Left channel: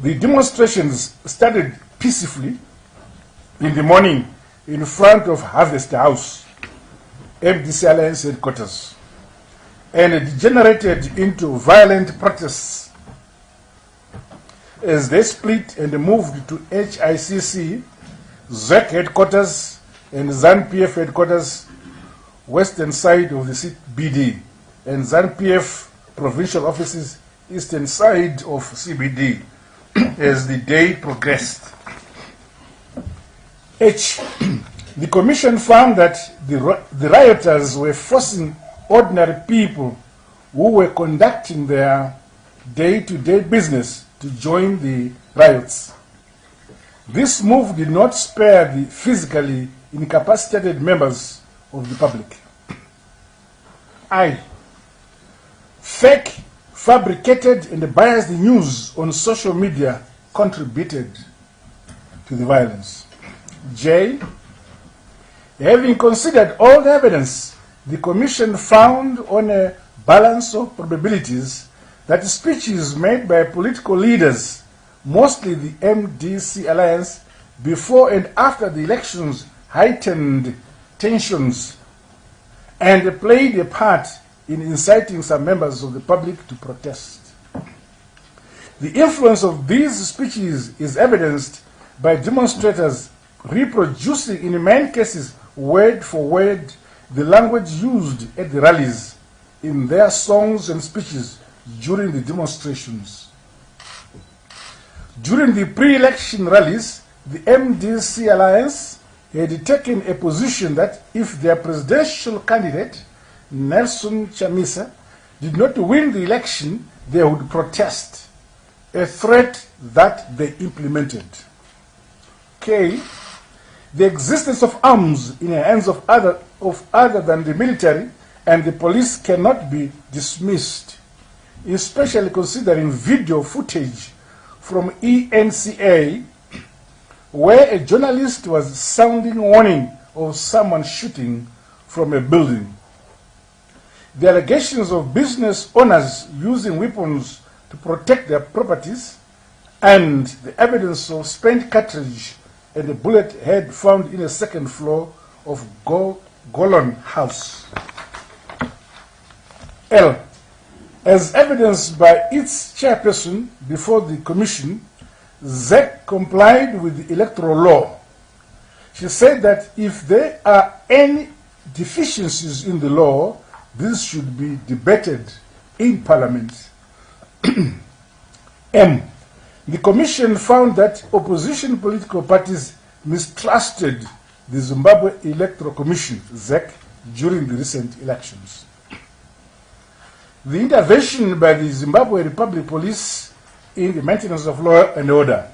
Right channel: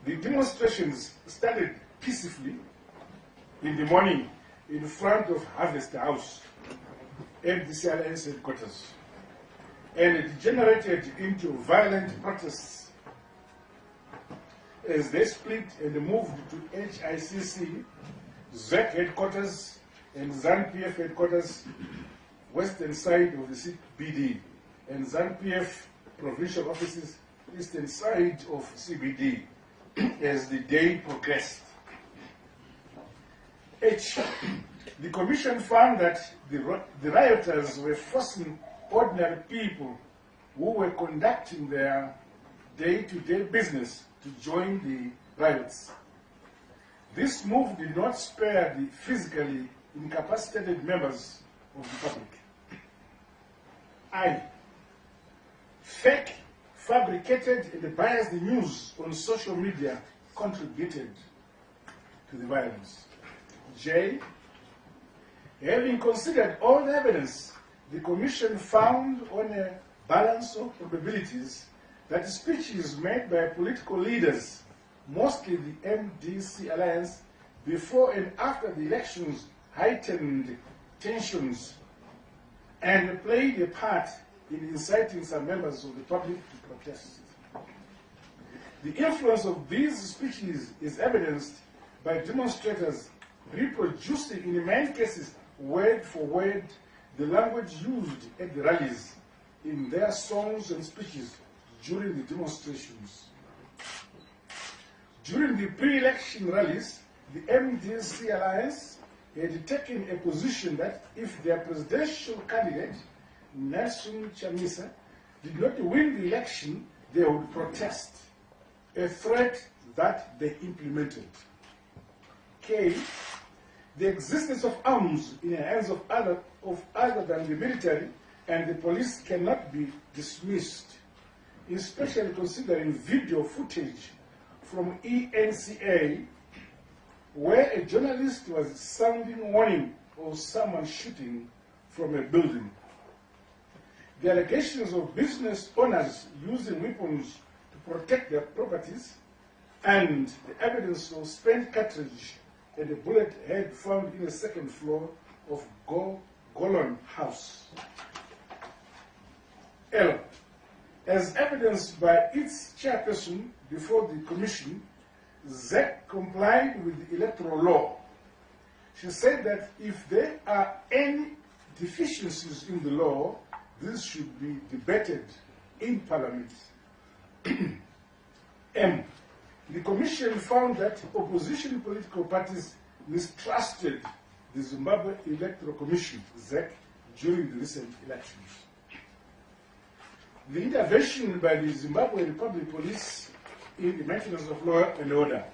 The demonstrations started peacefully in the morning in front of Harvest House, MDC Alliance headquarters, and degenerated into violent protests as they split and moved to HICC, ZEC headquarters, and ZANU-PF headquarters, western side of the CBD, and ZANU-PF provincial offices, eastern side of CBD, as the day progressed. H. The Commission found that the rioters were forcing ordinary people who were conducting their day-to-day business to join the riots. This move did not spare the physically incapacitated members of the public. I. Fake, fabricated, and biased news on social media contributed to the violence. J. Having considered all the evidence, the Commission found on a balance of probabilities that speeches made by political leaders, mostly the MDC Alliance, before and after the elections heightened tensions and played a part in inciting some members of the public to protest. The influence of these speeches is evidenced by demonstrators reproducing in many cases word for word the language used at the rallies in their songs and speeches during the demonstrations. During the pre-election rallies, the MDC Alliance had taken a position that if their presidential candidate, Nelson Chamisa, did not win the election, they would protest, a threat that they implemented. K. The existence of arms in the hands of other than the military and the police cannot be dismissed, especially considering video footage from ENCA where a journalist was sounding warning of someone shooting from a building. The allegations of business owners using weapons to protect their properties and the evidence of spent cartridge and a bullet head found in a second floor of Golon House. L. As evidenced by its chairperson before the Commission, ZEC complied with the electoral law. She said that if there are any deficiencies in the law, this should be debated in Parliament. M. The Commission found that opposition political parties mistrusted the Zimbabwe Electoral Commission, ZEC, during the recent elections. The intervention by the Zimbabwe Republic Police in the maintenance of law and order.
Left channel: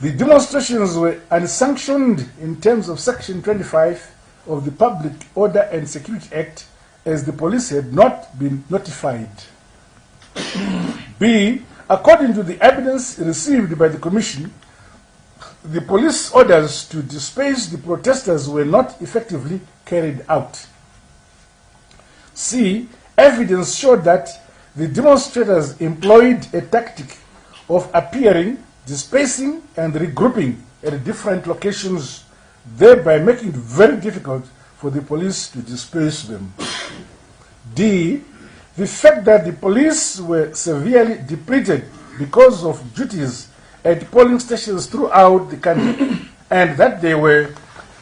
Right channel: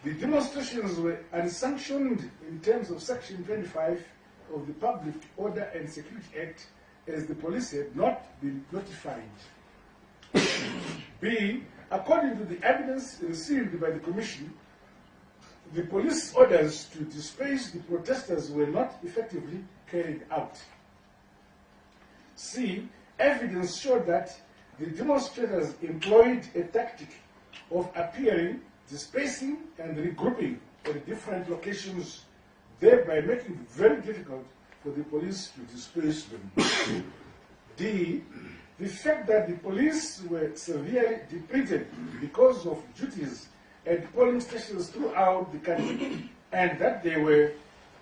The demonstrations were unsanctioned in terms of Section 25 of the Public Order and Security Act, as the police had not been notified. B. According to the evidence received by the Commission, the police orders to disperse the protesters were not effectively carried out. C. Evidence showed that the demonstrators employed a tactic of appearing, dispersing, and regrouping at different locations, thereby making it very difficult for the police to disperse them. D. The fact that the police were severely depleted because of duties at polling stations throughout the country and that they were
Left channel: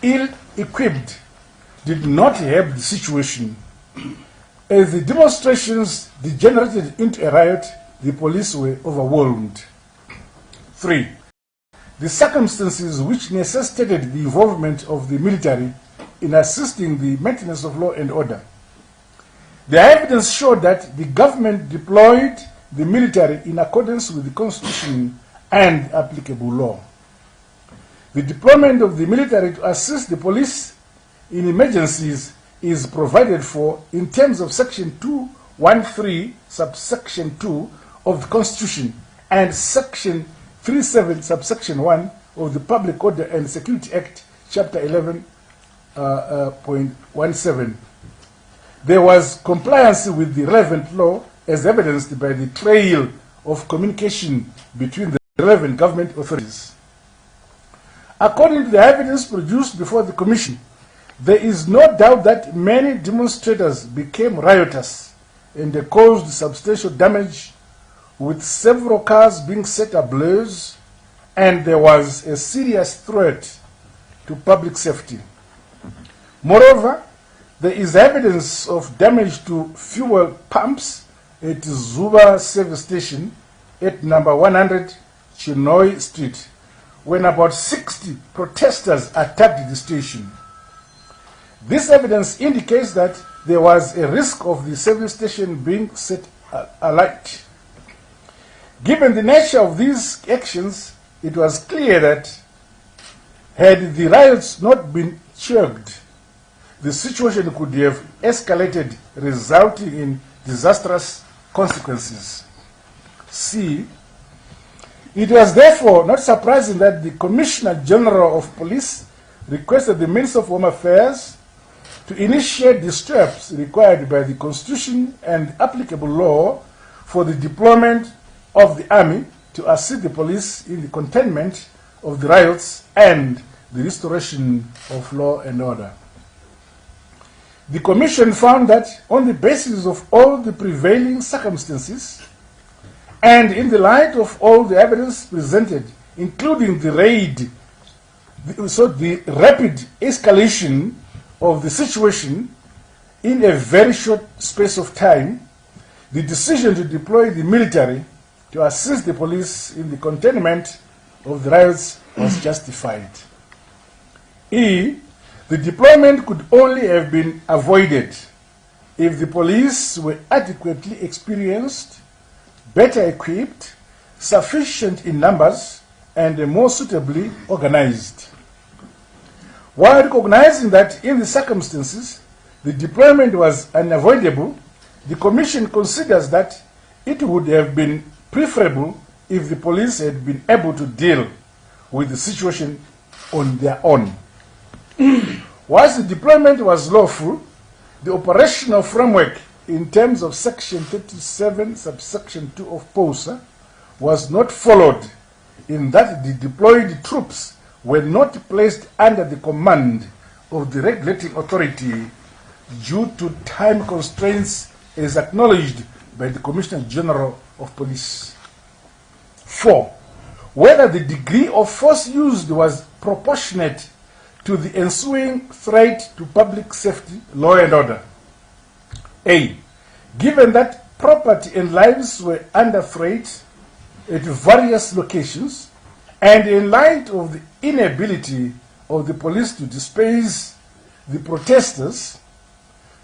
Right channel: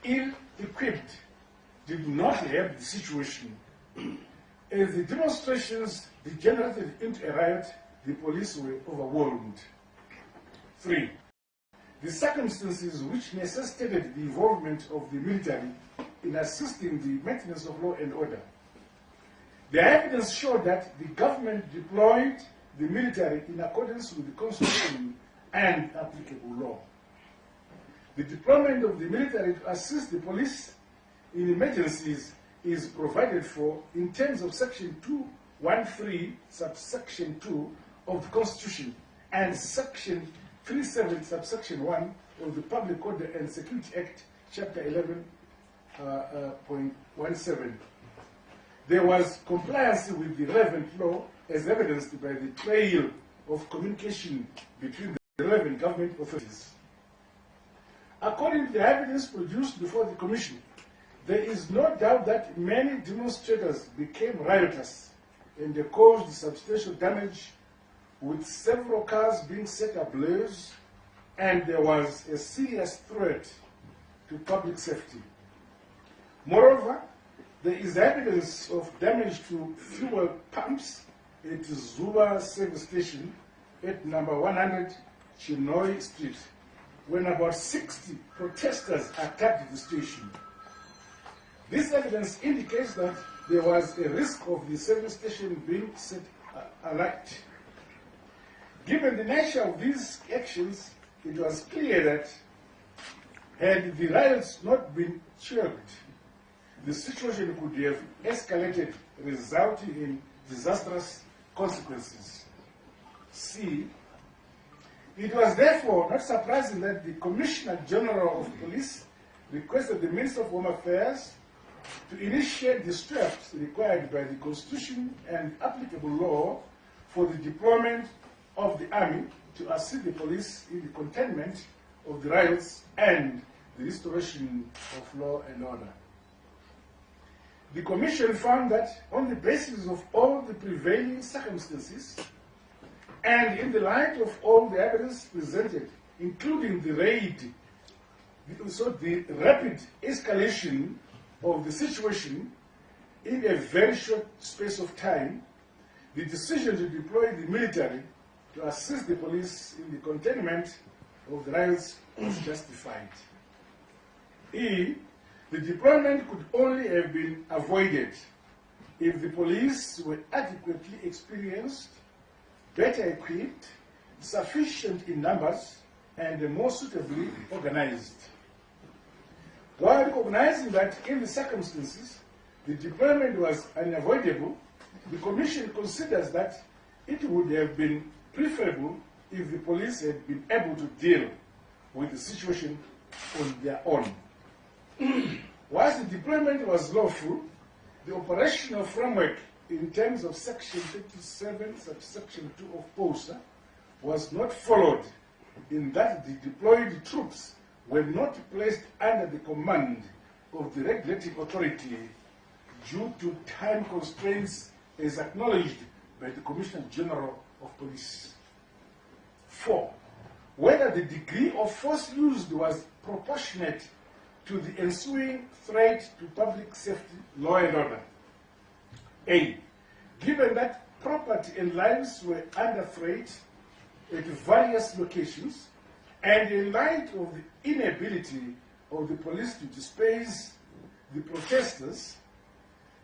ill-equipped did not help the situation. As the demonstrations degenerated into a riot, the police were overwhelmed. 3. The circumstances which necessitated the involvement of the military in assisting the maintenance of law and order. The evidence showed that the government deployed the military in accordance with the Constitution and applicable law. The deployment of the military to assist the police in emergencies is provided for in terms of Section 213, subsection 2 of the Constitution and Section 37, subsection 1 of the Public Order and Security Act, Chapter 11.17. There was compliance with the relevant law as evidenced by the trail of communication between the relevant government authorities. According to the evidence produced before the Commission, there is no doubt that many demonstrators became riotous and they caused substantial damage, with several cars being set ablaze, and there was a serious threat to public safety. Moreover, there is evidence of damage to fuel pumps at Zuba service station at number 100 Chinoy Street, when about 60 protesters attacked the station. This evidence indicates that there was a risk of the service station being set alight. Given the nature of these actions, it was clear that had the riots not been curbed, the situation could have escalated, resulting in disastrous consequences. C. It was therefore not surprising that the Commissioner General of Police requested the Minister of Home Affairs to initiate the steps required by the Constitution and applicable law for the deployment of the Army to assist the police in the containment of the riots and the restoration of law and order. The Commission found that on the basis of all the prevailing circumstances and in the light of all the evidence presented, including the rapid escalation of the situation in a very short space of time, the decision to deploy the military to assist the police in the containment of the riots was justified. E. The deployment could only have been avoided if the police were adequately experienced, better equipped, sufficient in numbers, and more suitably organized. While recognizing that in the circumstances the deployment was unavoidable, the Commission considers that it would have been preferable if the police had been able to deal with the situation on their own. Whilst the deployment was lawful, the operational framework in terms of Section 37, subsection 2 of POSA was not followed, in that the deployed troops were not placed under the command of the regulating authority due to time constraints as acknowledged by the Commissioner General of Police. 4. Whether the degree of force used was proportionate to the ensuing threat to public safety, law and order. A. Given that property and lives were under threat at various locations, and in light of the inability of the police to disperse the protesters,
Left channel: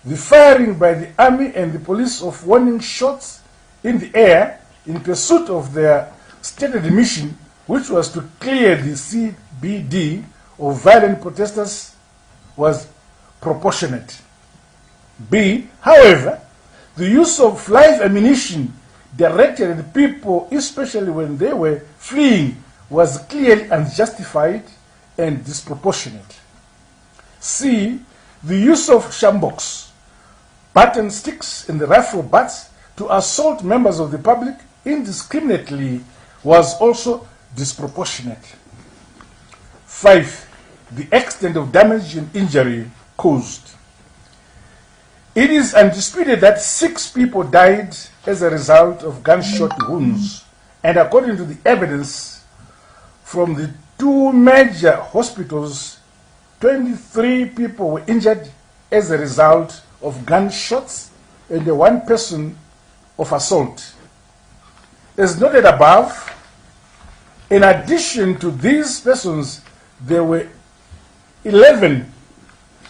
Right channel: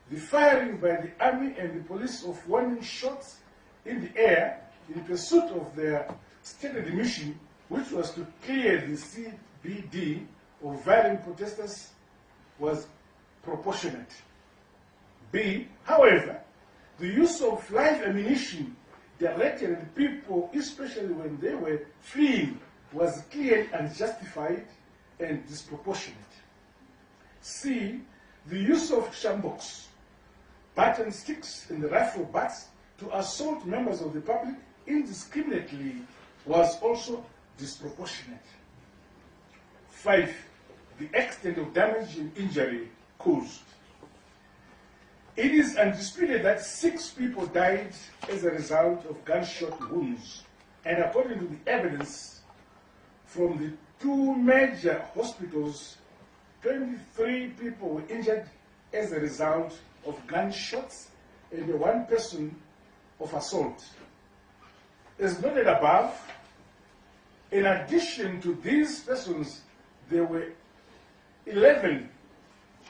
the firing by the army and the police of warning shots in the air in pursuit of their stated mission, which was to clear the CBD of violent protesters, was proportionate. B. However, the use of live ammunition directed at people, especially when they were fleeing, was clearly unjustified and disproportionate. C. The use of shambox, button sticks, and rifle butts to assault members of the public indiscriminately was also disproportionate. 5. The extent of damage and injury caused. It is undisputed that 6 people died as a result of gunshot wounds, and according to the evidence from the 2 major hospitals, 23 people were injured as a result of gunshots and 1 person of assault. As noted above, in addition to these persons, there were 11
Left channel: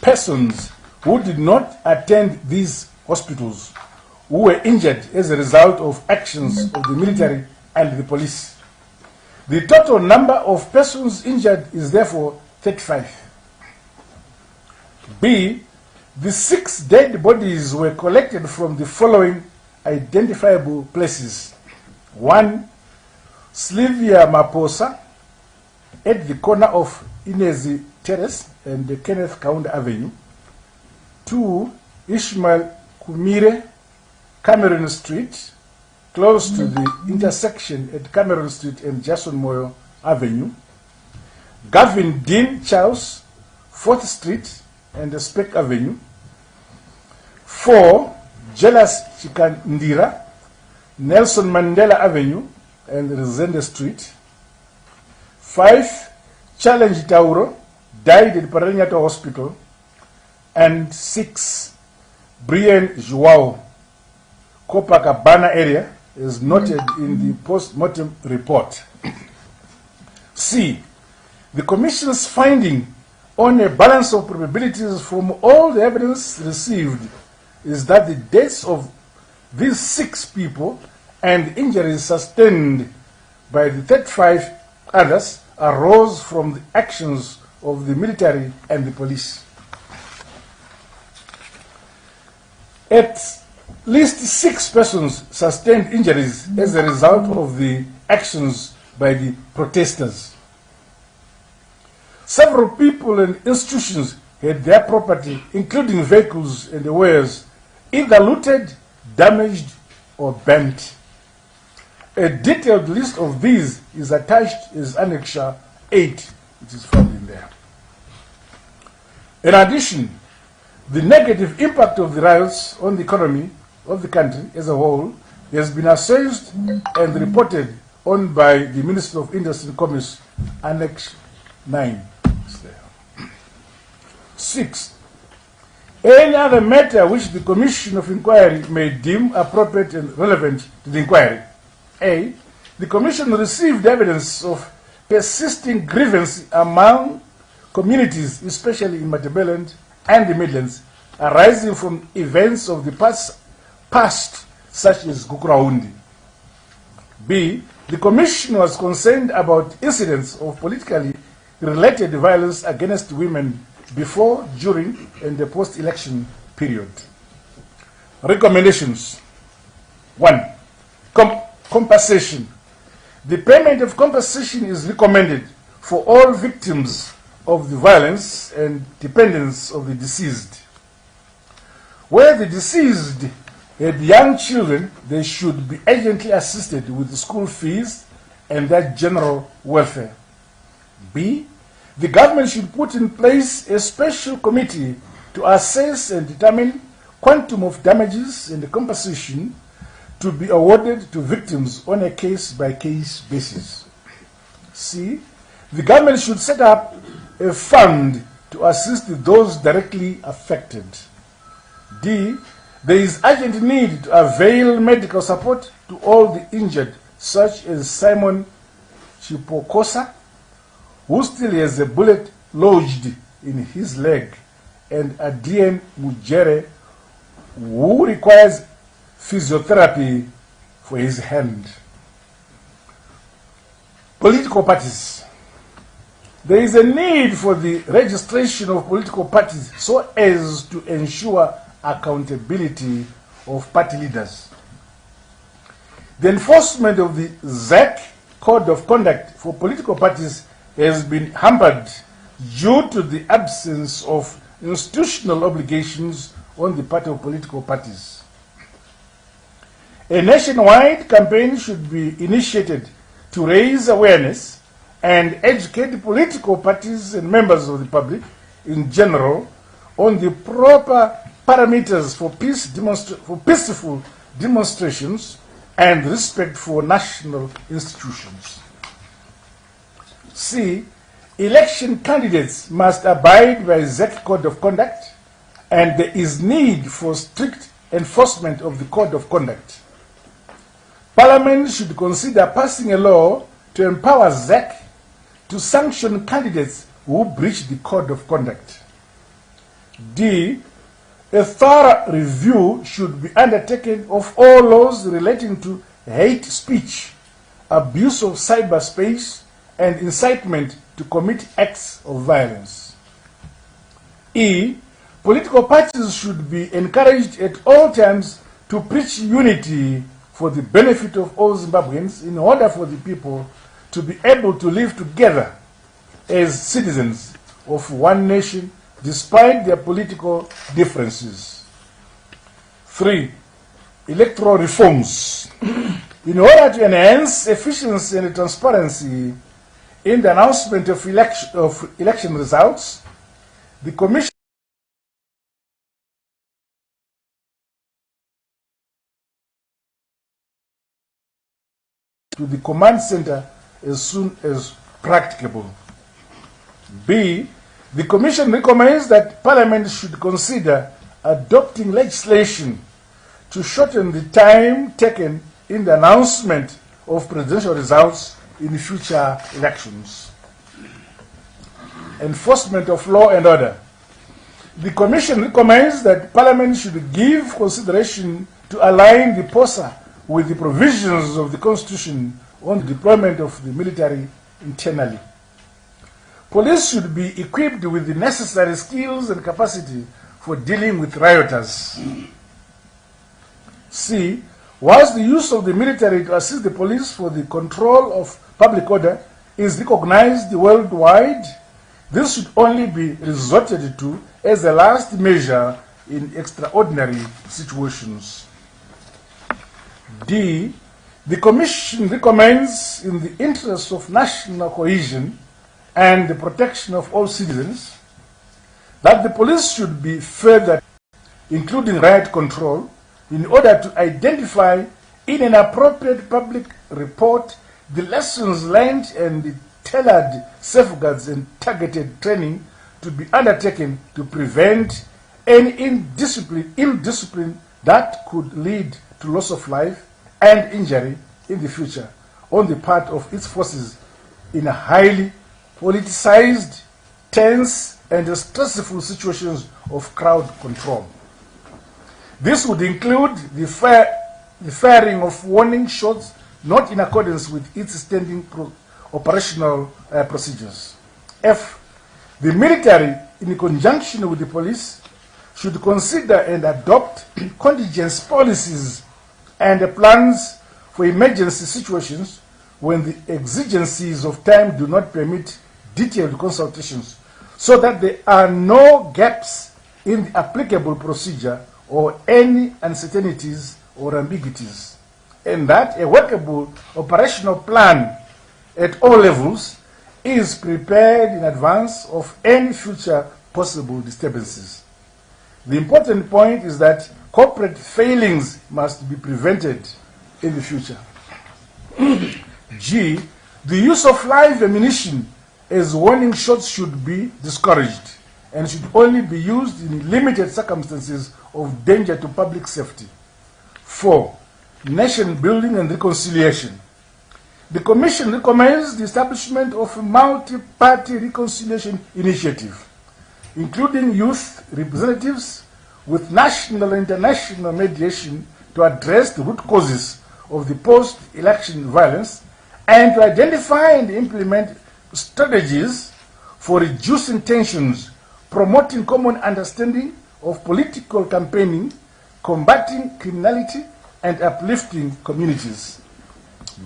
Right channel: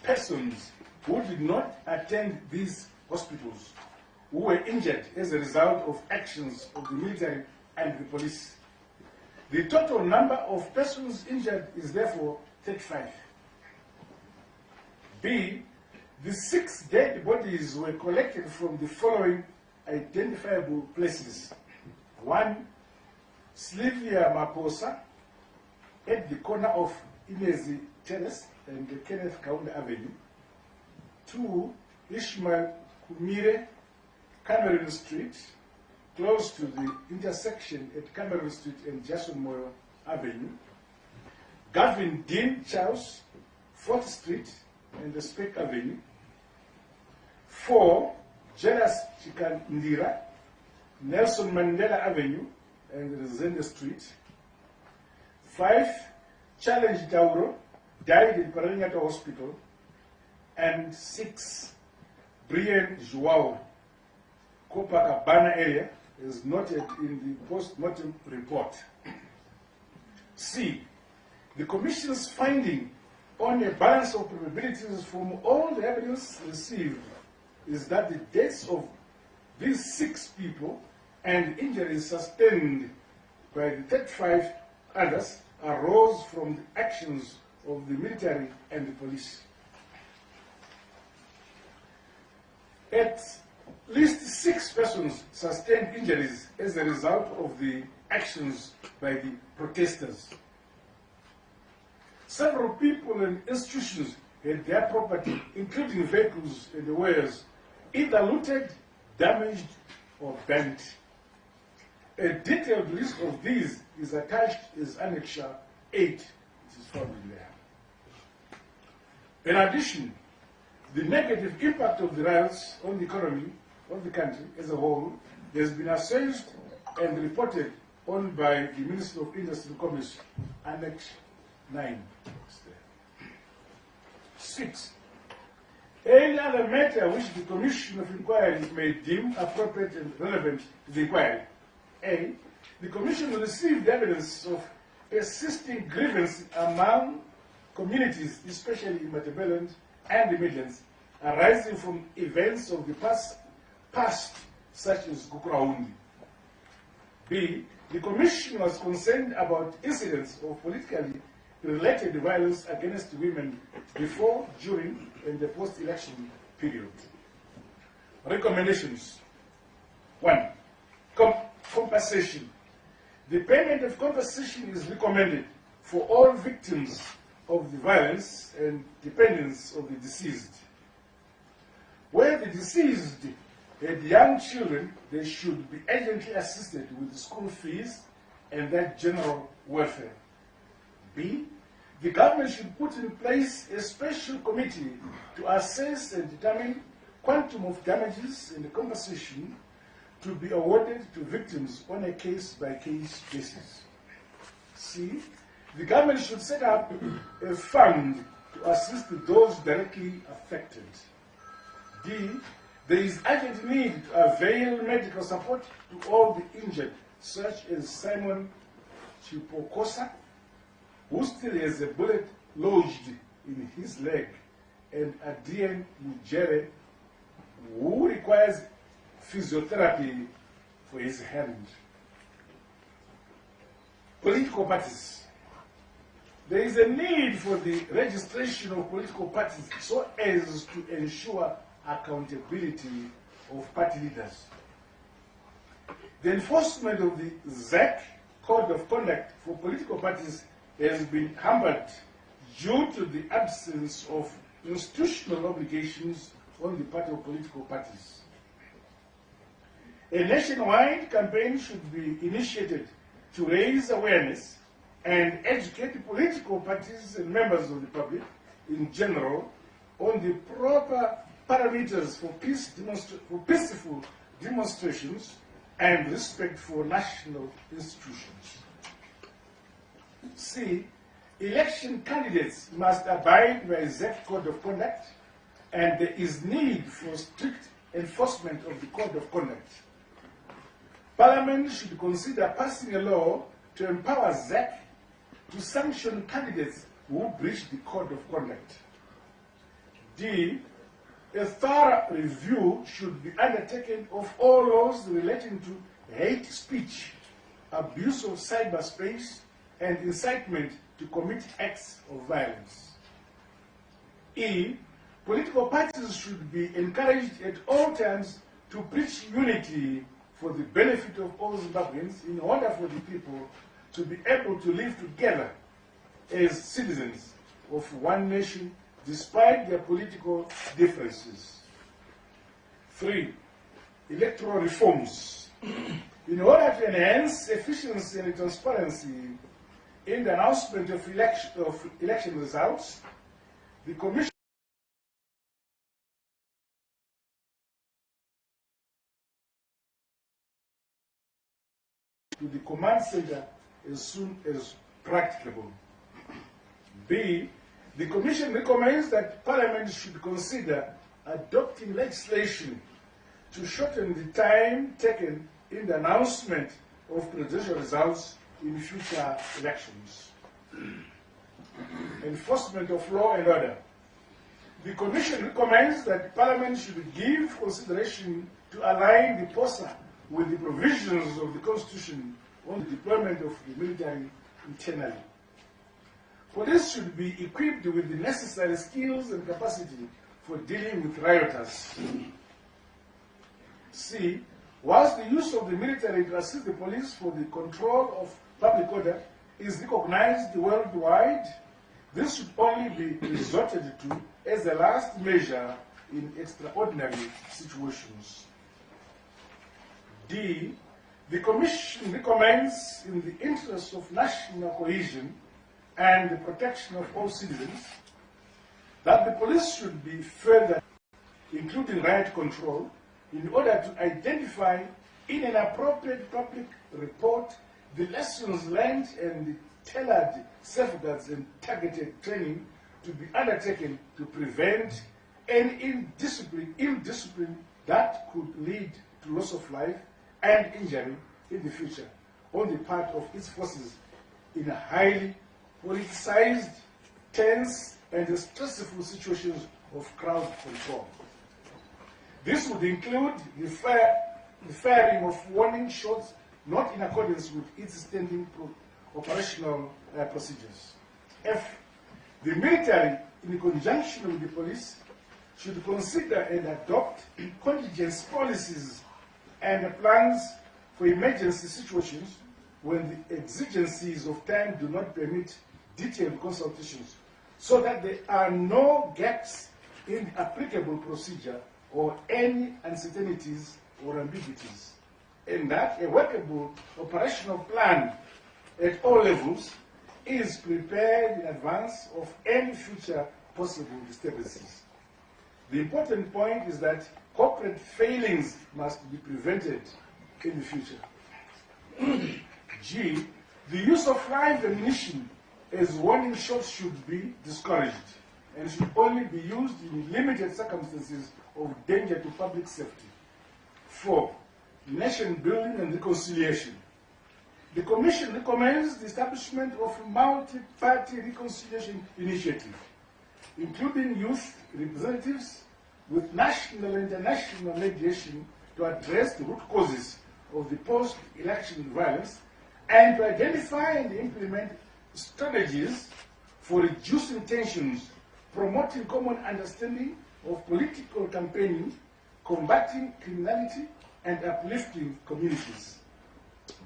persons who did not attend these hospitals, who were injured as a result of actions of the military and the police. The total number of persons injured is therefore 35. B. The 6 dead bodies were collected from the following identifiable places. 1. Slivia Maposa at the corner of Inezi Terrace and the Kenneth Kaunda Avenue. 2. Ishmael Kumire, Cameron Street. close to the intersection at Cameron Street and Jason Moyo Avenue. Gavin Dean Charles, 4th Street and Speck Avenue. 4. Jealous Chikandira, Nelson Mandela Avenue and Resende Street. 5. Challenge Tauro, died at Paranato Hospital. And 6. Brian Joao, Copacabana area, is noted in the post-mortem report. C. The Commission's finding on a balance of probabilities from all the evidence received is that the deaths of these 6 people and injuries sustained by the 35 others arose from the actions of the military and the police. At least 6 persons sustained injuries as a result of the actions by the protesters. Several people and institutions had their property, including vehicles and wares, either looted, damaged, or burnt. A detailed list of these is attached as Annexure 8, which is found in there. In addition, the negative impact of the riots on the economy of the country as a whole has been assessed and reported on by the Minister of Industry and Commerce, Annex 9. 6. Any other matter which the Commission of Inquiry may deem appropriate and relevant to the inquiry. A. The Commission received evidence of persisting grievance among communities, especially in Matabeleland and the Midlands, arising from events of the past such as Gukuraundi. B. The Commission was concerned about incidents of politically related violence against women before, during, and the post-election period. Recommendations. 1. Compensation. The payment of compensation is recommended for all victims of the violence and dependents of the deceased. Where the deceased had young children, they should be urgently assisted with the school fees and their general welfare. B. The government should put in place a special committee to assess and determine quantum of damages and the compensation to be awarded to victims on a case-by-case basis. C. The government should set up a fund to assist those directly affected. D. There is urgent need to avail medical support to all the injured, such as Simon Chipokosa, who still has a bullet lodged in his leg, and Adrien Mujere, who requires physiotherapy for his hand. Political parties. There is a need for the registration of political parties so as to ensure accountability of party leaders. The enforcement of the ZAC Code of Conduct for political parties has been hampered due to the absence of institutional obligations on the part of political parties. A nationwide campaign should be initiated to raise awareness and educate political parties and members of the public in general on the proper parameters for peaceful demonstrations and respect for national institutions. C. Election candidates must abide by the ZAC Code of Conduct, and there is need for strict enforcement of the Code of Conduct. Parliament should consider passing a law to empower ZAC to sanction candidates who breach the Code of Conduct. D. A thorough review should be undertaken of all laws relating to hate speech, abuse of cyberspace, and incitement to commit acts of violence. E. Political parties should be encouraged at all times to preach unity for the benefit of all Zimbabweans in order for the people to be able to live together as citizens of one nation despite their political differences. 3. electoral reforms. In order to enhance efficiency and transparency in the announcement of election results, the Commission to the command center as soon as practicable. B. The Commission recommends that Parliament should consider adopting legislation to shorten the time taken in the announcement of presidential results in future elections. Enforcement of law and order. The Commission recommends that Parliament should give consideration to align the POSA with the provisions of the Constitution on the deployment of the military internally. Police should be equipped with the necessary skills and capacity for dealing with rioters. C. Whilst the use of the military to assist the police for the control of public order is recognized worldwide, this should only be resorted to as a last measure in extraordinary situations. D. The Commission recommends, in the interest of national cohesion and the protection of all citizens, that the police should be furthered, including riot control, in order to identify in an appropriate public report the lessons learned and the tailored safeguards and targeted training to be undertaken to prevent any indiscipline that could lead to loss of life and injury in the future on the part of its forces in a highly politicized, tense, and stressful situations of crowd control. This would include the firing of warning shots not in accordance with its standing operational procedures. F. The military, in conjunction with the police, should consider and adopt contingency policies and plans for emergency situations when the exigencies of time do not permit detailed consultations, so that there are no gaps in the applicable procedure or any uncertainties or ambiguities, and that a workable operational plan at all levels is prepared in advance of any future possible disturbances. The important point is that corporate failings must be prevented in the future. G. The use of live ammunition as warning shots should be discouraged and should only be used in limited circumstances of danger to public safety. 4. Nation building and reconciliation. The Commission recommends the establishment of a multi-party reconciliation initiative, including youth representatives with national and international mediation to address the root causes of the post-election violence and to identify and implement strategies for reducing tensions, promoting common understanding of political campaigning, combating criminality, and uplifting communities.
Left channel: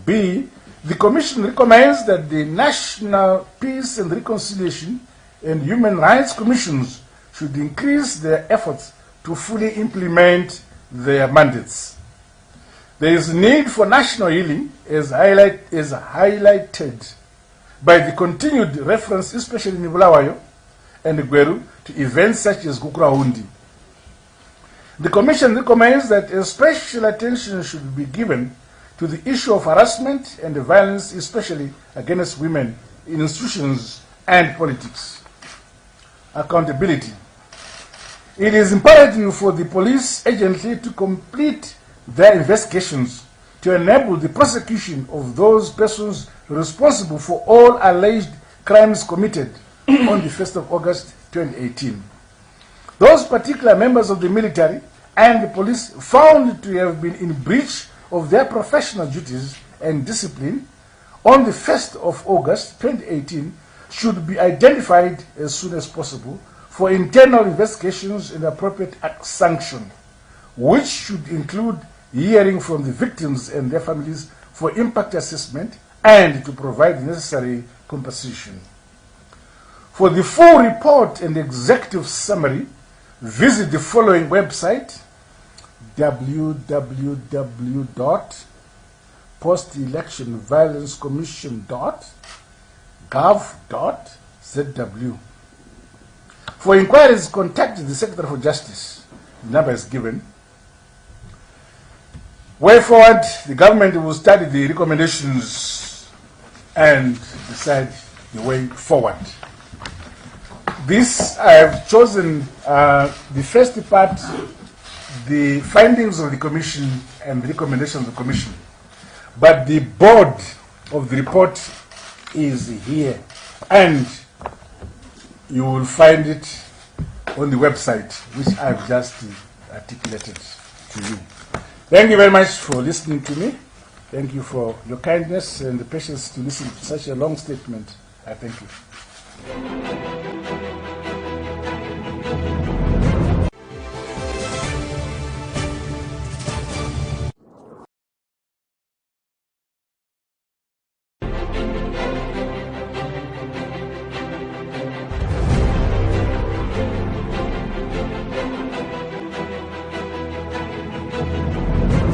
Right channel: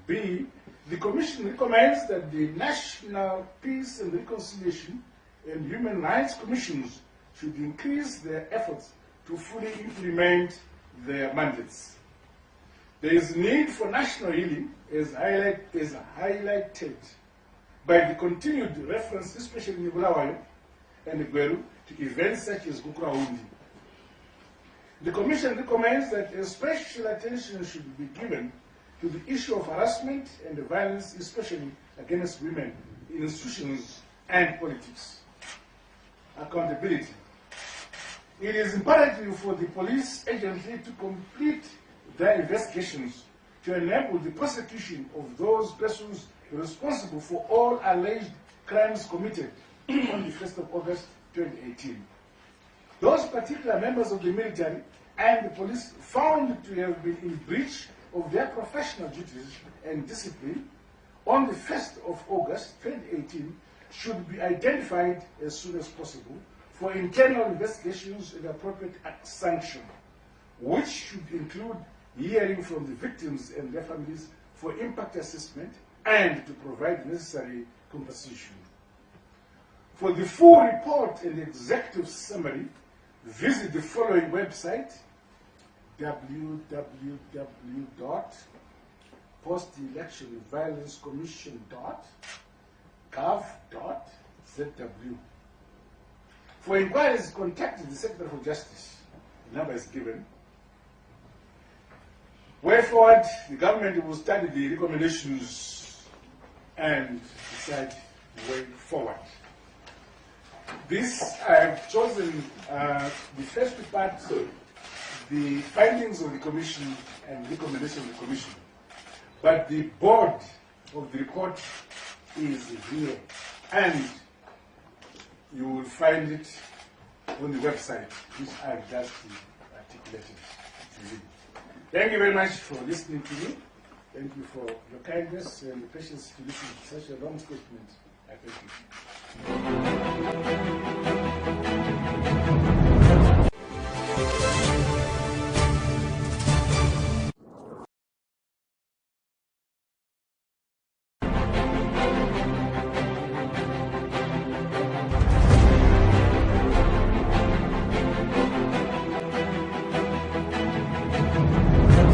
B. The Commission recommends that the National Peace and Reconciliation and Human Rights Commissions should increase their efforts to fully implement their mandates. There is need for national healing, as highlighted by the continued reference, especially in Bulawayo and Gweru, to events such as Kukuraundi. The Commission recommends that a special attention should be given to the issue of harassment and violence, especially against women in institutions and politics. Accountability. It is imperative for the police agency to complete their investigations to enable the prosecution of those persons responsible for all alleged crimes committed on the 1st of August 2018. Those particular members of the military and the police found to have been in breach of their professional duties and discipline on the 1st of August 2018 should be identified as soon as possible for internal investigations and appropriate sanction, which should include hearing from the victims and their families for impact assessment and to provide the necessary compensation. For the full report and executive summary, visit the following website: www.postelectionviolencecommission.gov.zw. For inquiries, contact the Secretary for Justice. The number is given. Way forward, the government will study the recommendations and decide the way forward. This, I have chosen the first part, the findings of the Commission and the recommendations of the Commission. But the board of the report is here, and you will find it on the website, which I've just articulated to you. Thank you very much for listening to me. Thank you for your kindness and the patience to listen to such a long statement. I thank you.